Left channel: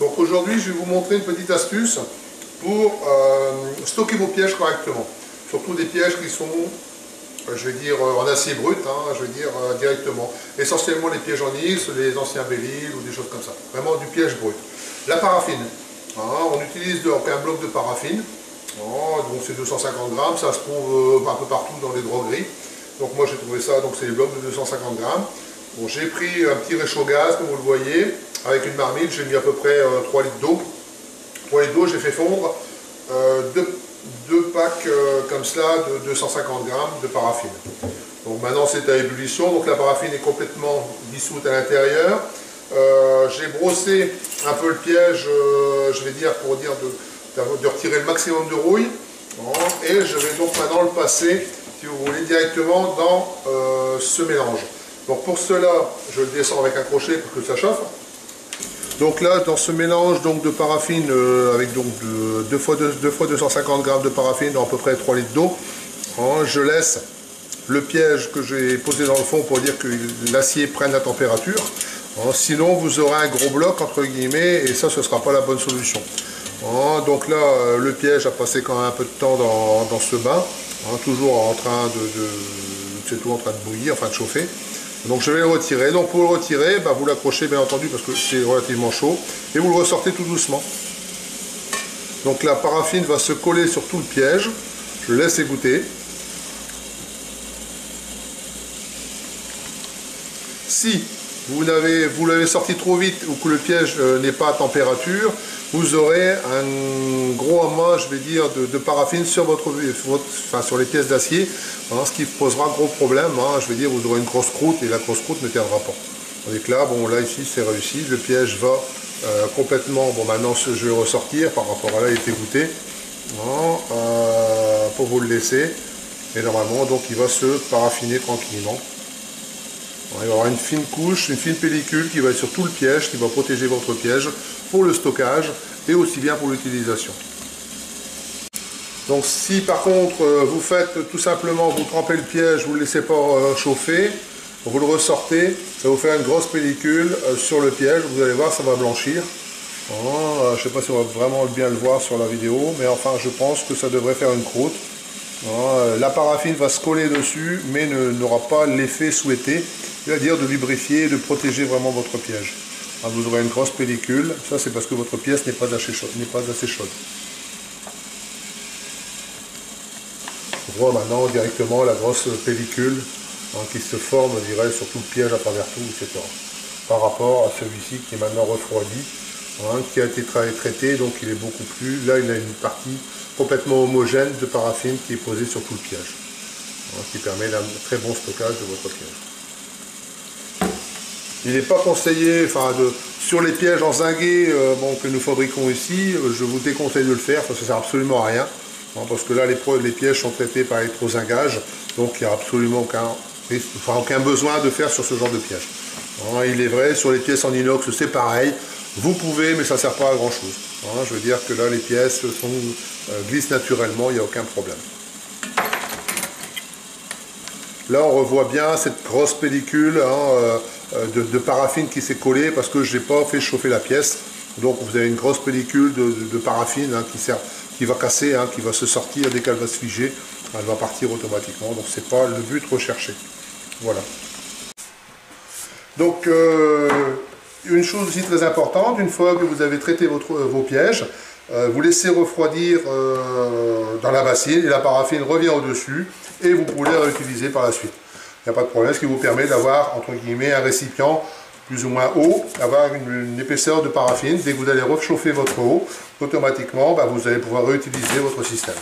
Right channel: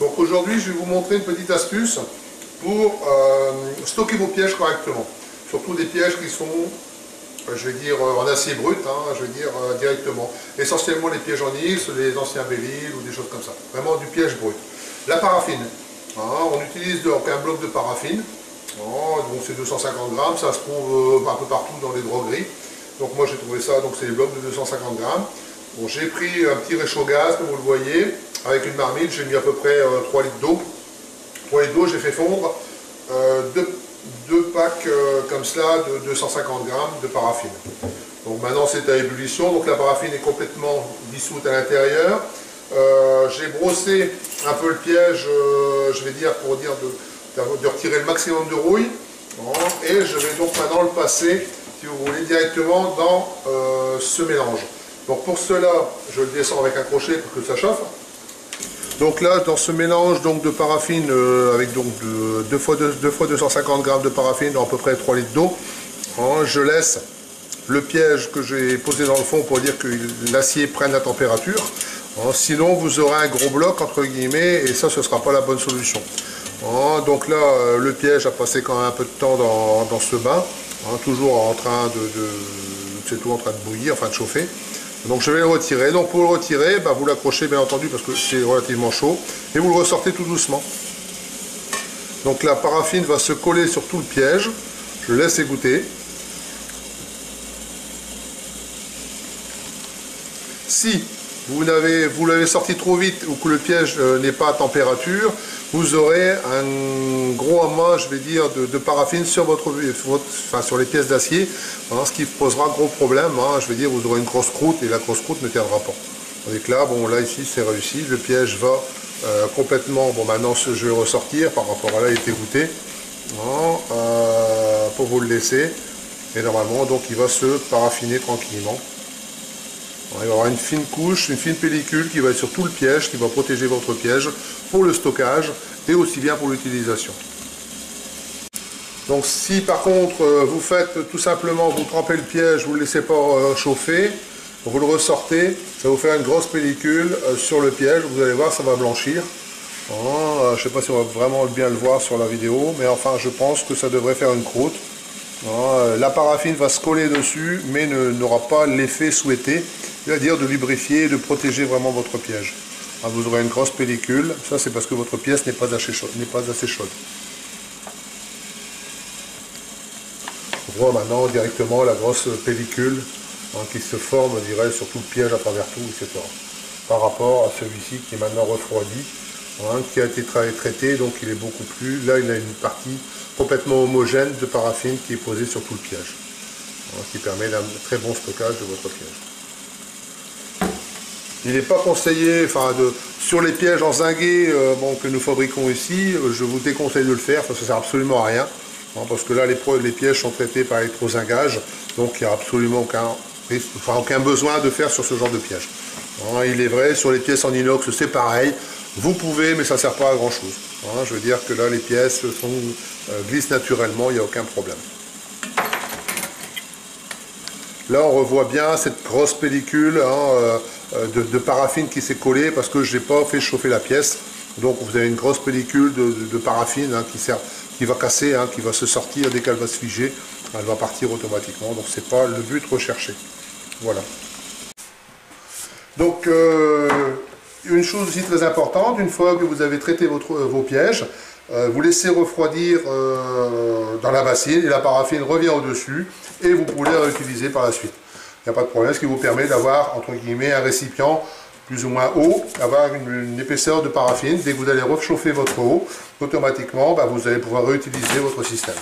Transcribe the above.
Donc aujourd'hui, je vais vous montrer une petite astuce pour stocker vos pièges correctement. Surtout des pièges qui sont, je vais dire, en acier brut, hein, je vais dire directement. Essentiellement les pièges en X, les anciens Belle-Île ou des choses comme ça. Vraiment du piège brut. La paraffine. Hein, on utilise donc un bloc de paraffine. Donc c'est 250 grammes, ça se trouve un peu partout dans les drogueries. Donc moi j'ai trouvé ça, donc c'est les blocs de 250 grammes. Bon, j'ai pris un petit réchaud gaz, comme vous le voyez, avec une marmite, j'ai mis à peu près 3 litres d'eau. 3 litres d'eau, j'ai fait fondre deux packs comme cela de 250 grammes de paraffine. Donc maintenant c'est à ébullition, donc la paraffine est complètement dissoute à l'intérieur. J'ai brossé un peu le piège, je vais dire, pour dire de retirer le maximum de rouille. Et je vais donc maintenant le passer, si vous voulez, directement dans ce mélange. Donc pour cela, je le descends avec un crochet pour que ça chauffe. Donc là, dans ce mélange donc, de paraffine, avec donc 2 fois 250 grammes de paraffine dans à peu près 3 litres d'eau, je laisse le piège que j'ai posé dans le fond pour dire que l'acier prenne la température. Sinon, vous aurez un gros bloc, entre guillemets, et ça, ce ne sera pas la bonne solution. Donc là, le piège a passé quand même un peu de temps dans ce bain, toujours en train c'est tout en train de bouillir, enfin de chauffer. Donc je vais le retirer. Donc pour le retirer, vous l'accrochez bien entendu parce que c'est relativement chaud, et vous le ressortez tout doucement. Donc la paraffine va se coller sur tout le piège. Je le laisse égoutter. Si vous l'avez sorti trop vite ou que le piège n'est pas à température, vous aurez un gros amas, je vais dire, de paraffine sur sur les pièces d'acier, ce qui posera gros problème. Je vais dire, vous aurez une grosse croûte et la grosse croûte ne tiendra pas. Donc là, bon, là ici c'est réussi, le piège va complètement. Bon, maintenant je vais le ressortir par rapport à là, il est égoutté, pour vous le laisser. Et normalement, donc il va se paraffiner tranquillement. Il va y avoir une fine couche, une fine pellicule qui va être sur tout le piège, qui va protéger votre piège pour le stockage et aussi bien pour l'utilisation. Donc si par contre vous faites tout simplement, vous trempez le piège, vous ne le laissez pas chauffer, vous le ressortez, ça va vous faire une grosse pellicule sur le piège, vous allez voir, ça va blanchir. Je ne sais pas si on va vraiment bien le voir sur la vidéo, mais enfin je pense que ça devrait faire une croûte. La paraffine va se coller dessus, mais n'aura pas l'effet souhaité, c'est-à-dire de lubrifier et de protéger vraiment votre piège. Vous aurez une grosse pellicule, ça c'est parce que votre pièce n'est pas assez chaude. On voit maintenant directement la grosse pellicule qui se forme, je dirais, sur tout le piège à travers tout, etc. Par rapport à celui-ci qui est maintenant refroidi, qui a été traité, donc il est beaucoup plus... Là, il a une partie complètement homogène de paraffine qui est posée sur tout le piège, qui permet un très bon stockage de votre piège. Il n'est pas conseillé, sur les pièges en zinguet que nous fabriquons ici, je vous déconseille de le faire, ça ne sert absolument à rien, parce que là, les pièges sont traités par électrozingage, donc il n'y a absolument aucun besoin de faire sur ce genre de piège. Il est vrai, sur les pièces en inox, c'est pareil. Vous pouvez, mais ça ne sert pas à grand chose. Je veux dire que là, les pièces glissent naturellement, il n'y a aucun problème. Là, on revoit bien cette grosse pellicule de paraffine qui s'est collée parce que je n'ai pas fait chauffer la pièce. Donc, vous avez une grosse pellicule de paraffine qui va casser, qui va se sortir dès qu'elle va se figer. Elle va partir automatiquement. Donc, ce n'est pas le but recherché. Voilà. Donc, une chose aussi très importante, une fois que vous avez traité vos pièges, vous laissez refroidir dans la bassine et la paraffine revient au-dessus et vous pouvez la réutiliser par la suite. Il n'y a pas de problème, ce qui vous permet d'avoir, entre guillemets, un récipient plus ou moins haut, avoir une épaisseur de paraffine. Dès que vous allez réchauffer votre eau, automatiquement, vous allez pouvoir réutiliser votre système.